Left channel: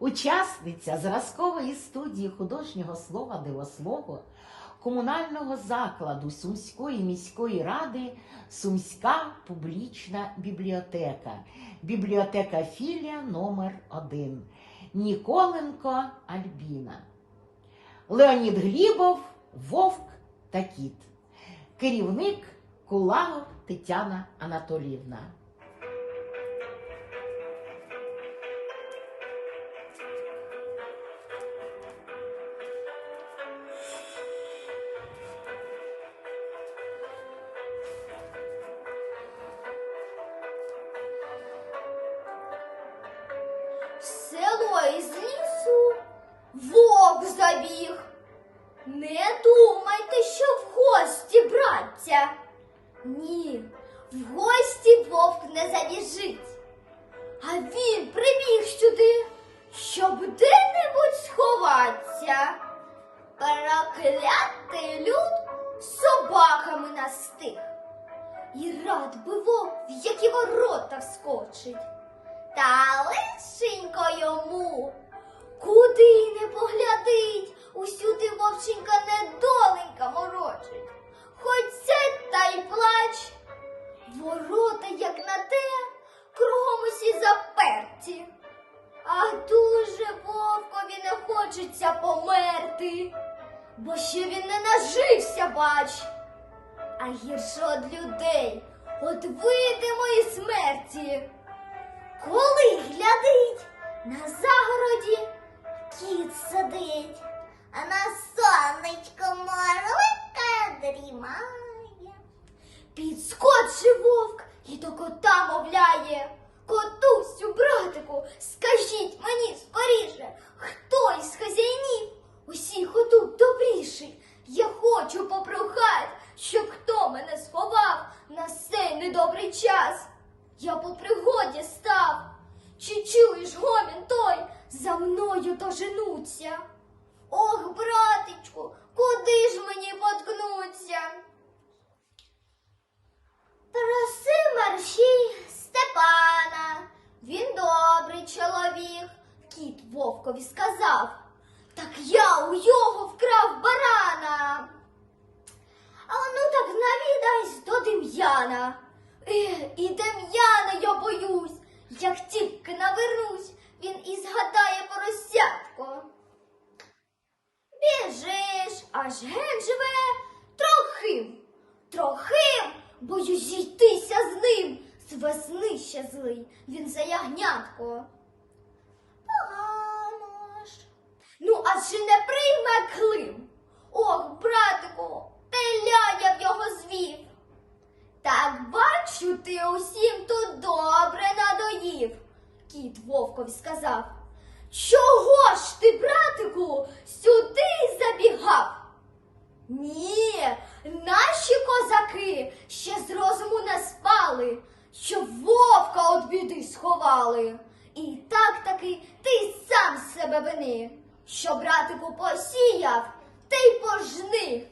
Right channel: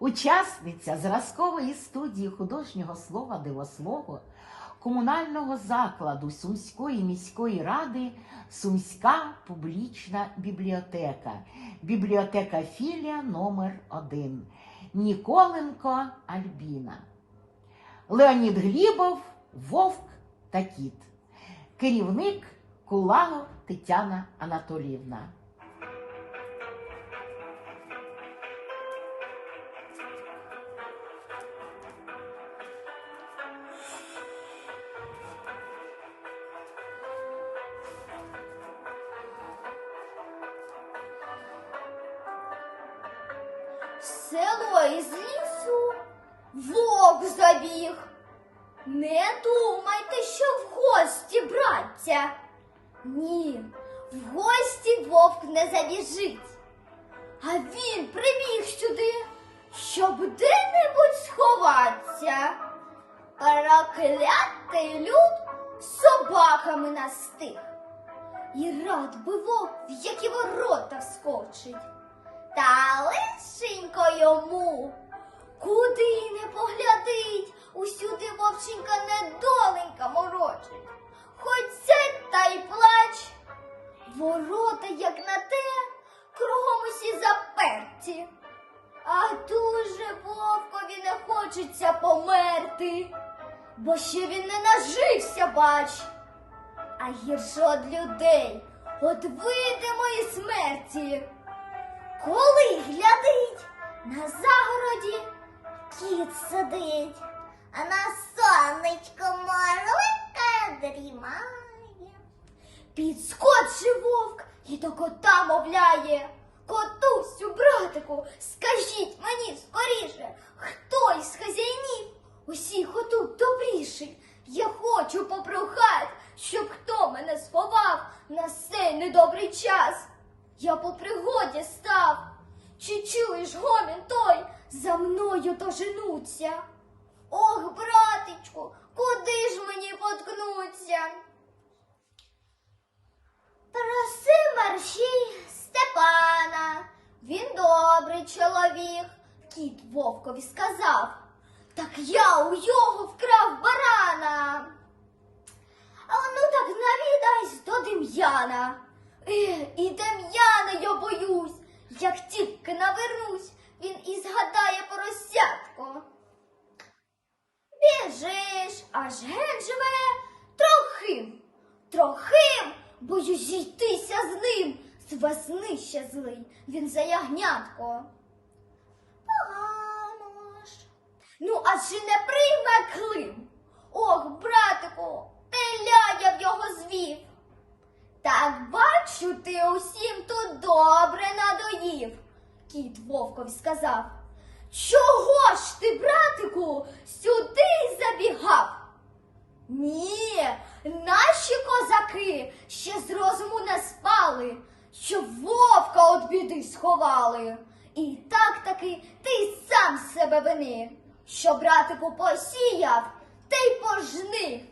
Учасниця зразкової студії художнього слова Дивослово комунального закладу Сумської міської ради Сумська публічна бібліотека, бібліотека філія номер 1 Ніколенко Альбіна. Леонід Глібов, Вовк та Кіт. Керівник Кулаго Тетяна Анатоліївна. Село із лісу вовк забіг. Не думайте, що в гості, браття. Ні, в гості вовк не забіжить. А він прибіг сюди, щоб де-небудь сховатися. Проклятий люд собаками настиг. І рад би вовк, в які ворота вскочить. Та лишенько йому, куди не поглядить, усюди вовченька недоленька морочить. Хоч сядь та й плач. Ворота, як на те, кругом усі заперті. А дуже вовкові не хочеться померти, бо ще він не нажився, бач. А гірше од людей, от видимої смерті. Коли глядить, на загороді кіт сидить, а на сонечко марлика дрімає. Підскочив вовк і до кота мовляє. Котусю, братику, скажіть мені скоріше, хто із хазяїнів усіх отут добріший? Я хочу попрохать, щоб хто мене сховав на сей недобрий час. Я по пригоді став. Чи чуєш гомін той, за мною доженуться? Ох, братечку, куди ж мені поткнуться? Проси мерщій Степана, він добрий чоловік, кіт вовкові сказав. Так я у його вкрав барана. А ну так навідайся до Дем'яна. І Дем'яна я боюсь, як тільки навернусь, він і згадає поросятко. Біжиш, аж ген живе трохим, трохим, боюсь зійтися з ним, з весни ще злий, він за ягнятко. Погано ж. Ну, а чи не прийме Клим? Ох, братику, теля я в його звів. Так бачу, ти усім тут добре надоїв, кіт вовкові сказав. Чого ж ти, братику, сюди забігав? Ні, наші козаки ще з розуму не спали, щоб вовка від біди сховали. І так таки ти сам себе вини, що братику посіяв, та й пожни.